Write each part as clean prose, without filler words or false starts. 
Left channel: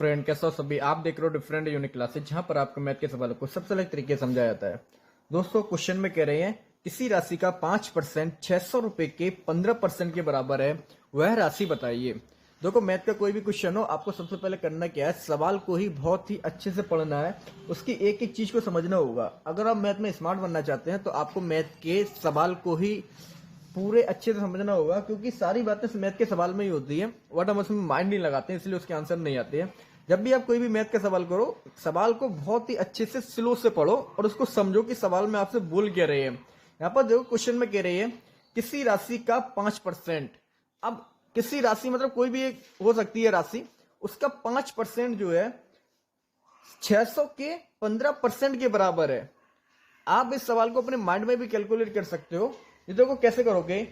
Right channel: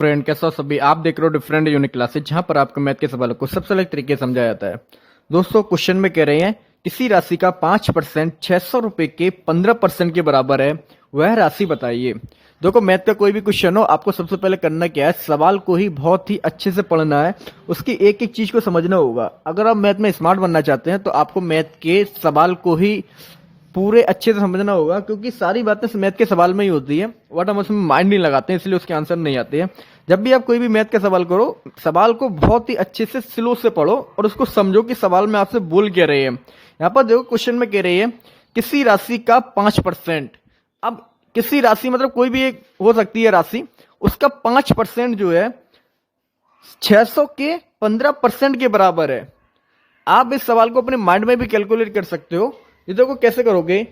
Friend कैसा हो सभी। आप देख रहे हो डिफरेंट यूनिक क्लासेज, जहां पर आपको मैथ के सवालों को सबसे अलग तरीके से समझाया जाता है। दोस्तों, क्वेश्चन में कह रहे हैं किसी राशि का 5% 600 रुपए के 15% के बराबर है, वह राशि बताइए। देखो, मैथ का कोई भी क्वेश्चन हो, आपको सबसे पहले करना क्या है, सवाल को ही बहुत ही अच्छे से पढ़ना है, उसकी एक एक चीज को समझना होगा। अगर आप मैथ में स्मार्ट बनना चाहते हैं तो आपको मैथ के सवाल को ही पूरे अच्छे से समझना होगा, क्योंकि सारी बातें मैथ के सवाल में ही होती है, बट हम उसमें माइंड नहीं लगाते हैं, इसलिए उसके आंसर नहीं आते हैं। जब भी आप कोई भी मैथ का सवाल करो, सवाल को बहुत ही अच्छे से स्लो से पढ़ो और उसको समझो कि सवाल में आपसे बोल क्या रहे हैं। यहाँ पर देखो, क्वेश्चन में कह रही है किसी राशि का 5%। अब किसी राशि मतलब कोई भी एक हो सकती है राशि, उसका 5% जो है 600 के 15% के बराबर है। आप इस सवाल को अपने माइंड में भी कैलकुलेट कर सकते हो। ये देखो कैसे करोगे,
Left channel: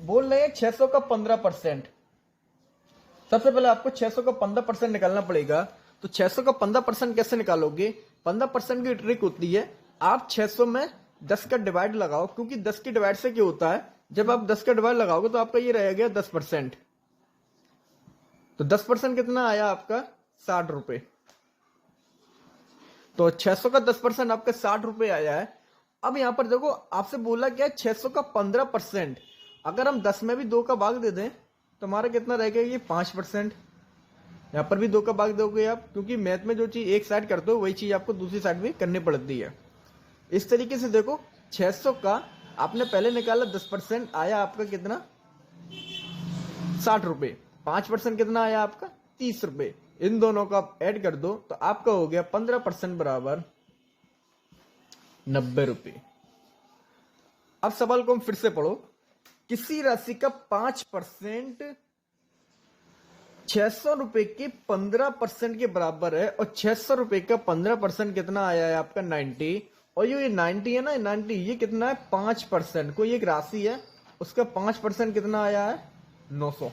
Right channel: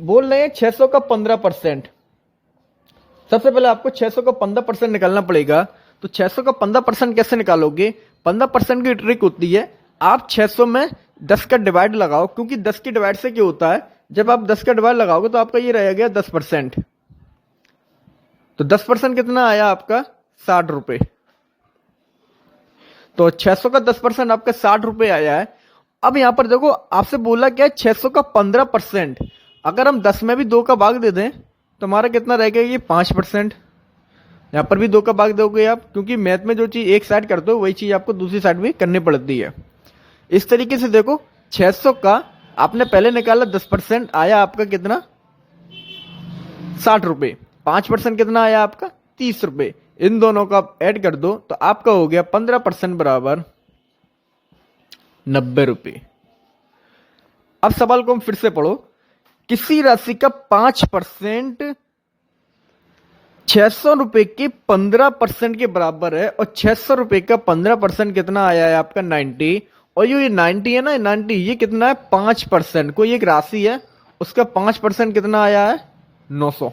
बोल रहे हैं 600 का 15%। सबसे पहले आपको 600 का 15% निकालना पड़ेगा। तो 600 का 15% कैसे निकालोगे? 15% की ट्रिक होती है, आप 600 में 10 का डिवाइड लगाओ, क्योंकि 10 के डिवाइड से क्या होता है, जब आप 10 का डिवाइड लगाओगे तो आपका ये रह गया 10%। तो 10% कितना आया आपका? 60 रुपए। तो 600 का 10% आपका 60 रुपए आया है। अब यहां पर देखो, आपसे बोला क्या है, 600 का 15%। अगर हम 10 में भी 2 का भाग दे दें तो हमारा कितना रह गया? ये 5%। यहां पर भी 2 का भाग दोगे आप, क्योंकि मैथ में जो चीज एक साइड करते हो वही चीज आपको दूसरी साइड भी करनी पड़ती है। इस तरीके से देखो, 600 का आपने पहले निकाला 10%, आया आपका कितना? 60 रुपए। 5% कितना आया आपका? 30 रुपए। इन दोनों का ऐड कर दो तो आपका हो गया 15% बराबर 90 रुपए। अब सवाल को हम फिर से पढ़ो। किसी राशि का 5% 600 रुपए के 15% के बराबर है, और 600 रुपए का 15% कितना आया है आपका? 90। और ये 90 है ना, 90 ये कितना है? 5%। कोई एक राशि है, उसका 5% कितना आया है? 900।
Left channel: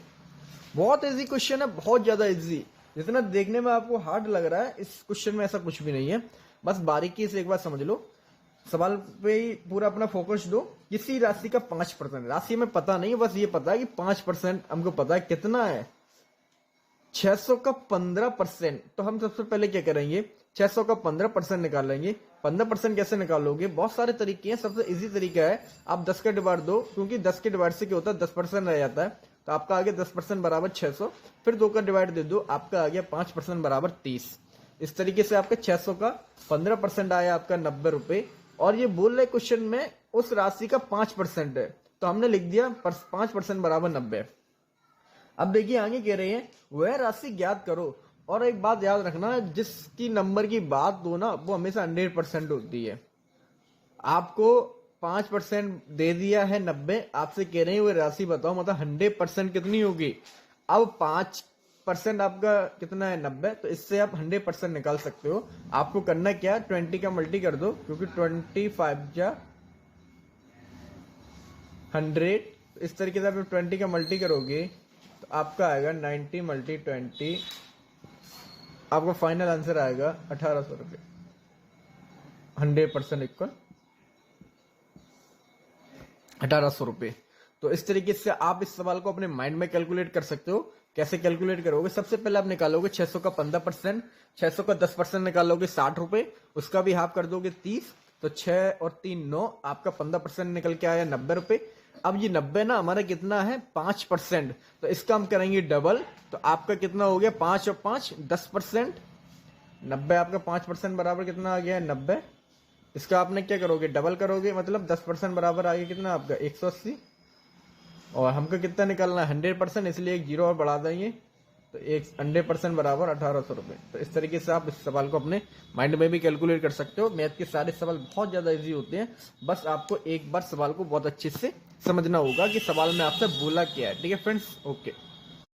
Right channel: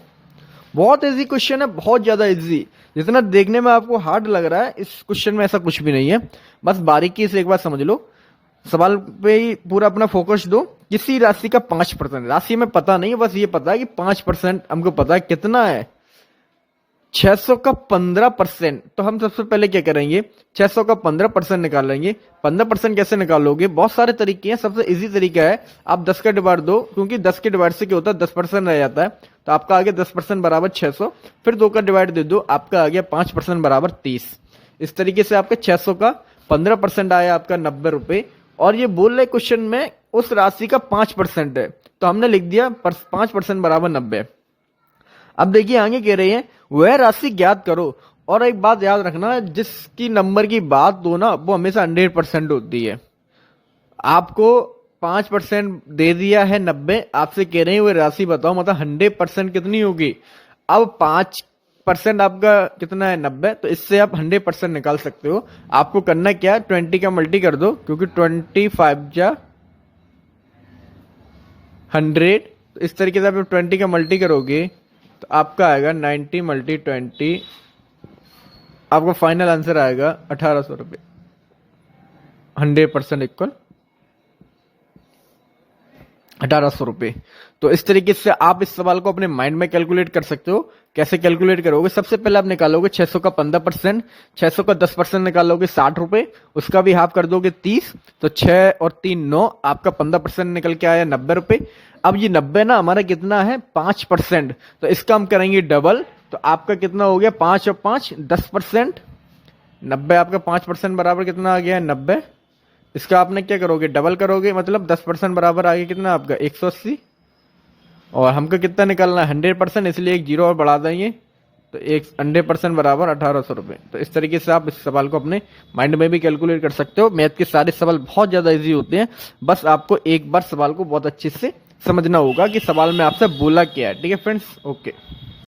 बहुत इजी क्वेश्चन है, बहुत ज्यादा इजी। जितना देखने में आपको हार्ड लग रहा है, इस क्वेश्चन में ऐसा कुछ भी नहीं है। बस बारीकी से एक बार समझ लो, सवाल पे ही पूरा अपना फोकस दो। किसी राशि का 5%, राशि में पता नहीं है, बस ये पता है कि 5% हमको पता है कितना है। 600 का 15%, तो हम सबसे पहले क्या करेंगे, 600 का 15% निकालेंगे। 15% कैसे निकालोगे? बहुत सारे तरीके हैं। सबसे इजी तरीका है, आप 10 का डिवाइड दो, क्योंकि 10 के डिवाइड से क्या होता है, 10% रह जाता है। तो आपका आ गया 10% बराबर 600। फिर 2 का डिवाइड दे दो, आपका आ गया 5% बराबर 30। इस तरीके से आपका 600 का 15% आया आपका 90 रुपए। और ये बोल रहे क्वेश्चन में उस राशि का 5% है, तो हमने लिख दिया 5% बराबर 90। अब देखिए आगे कह रही है वह राशि ज्ञात करो। और एक बात याद रखना, जिसकी नंबर की बात हो ना, वो हमेशा 100% होती है। आपको 5% दे दिया है 90, आपसे कह रहे हैं वह राशि बताओ, मतलब 100% कितनी होगी। अब 5% आपका कितना है? 90। तो इससे आप 100% निकाल सकते हो। आपको करना क्या है, 20 का मल्टी कर दो, क्योंकि 25 जा 100। तो इस तरीके से आप 20 का मल्टी करोगे तो आपका आएगा 90 मल्टी 20, आपका फाइनल आंसर आएगा 1800 रुपये। 100% इक्वल 1800 रुपये। तो इस तरीके से आप इस सवाल को अपने माइंड में कैलकुलेट कर सकते हो। कैसे कैलकुलेट करोगे? सबसे पहले आप निकालोगे 600 का 15%, 600 का 10% निकालोगे 60 रुपए, उसका भी हाफ कर दोगे 30। तो 6 और 3 9, आपका 15% निकल के आया 90 रुपए। अब ये 90 ना हमारा कितना है? 5%। तो इसका हम करेंगे डबल, तो आपका कितना हो गया? 5 और 5 10%। 90 आपका 5% बराबर कितना आ गया है? 90। इसका आपने क्या करोगे? डबल करोगे, मतलब 10% बराबर आ गया कितना आपका? 180। और हमको कितना निकालना है? 100%, इसलिए एक जीरो और बढ़ा देंगे, तो एक 100% बराबर 1800 रुपये। तो इस तरीके से आप इस सवाल को अपने माइंड में भी कैलकुलेट कर सकते हो। मैथ के सारे सवाल बहुत ज़्यादा इजी होते हैं, बस आपको एक बार सवाल को बहुत अच्छे से समझना होगा कि सवाल में आपसे बोला क्या है। ठीक है फ्रेंड्स, ओके।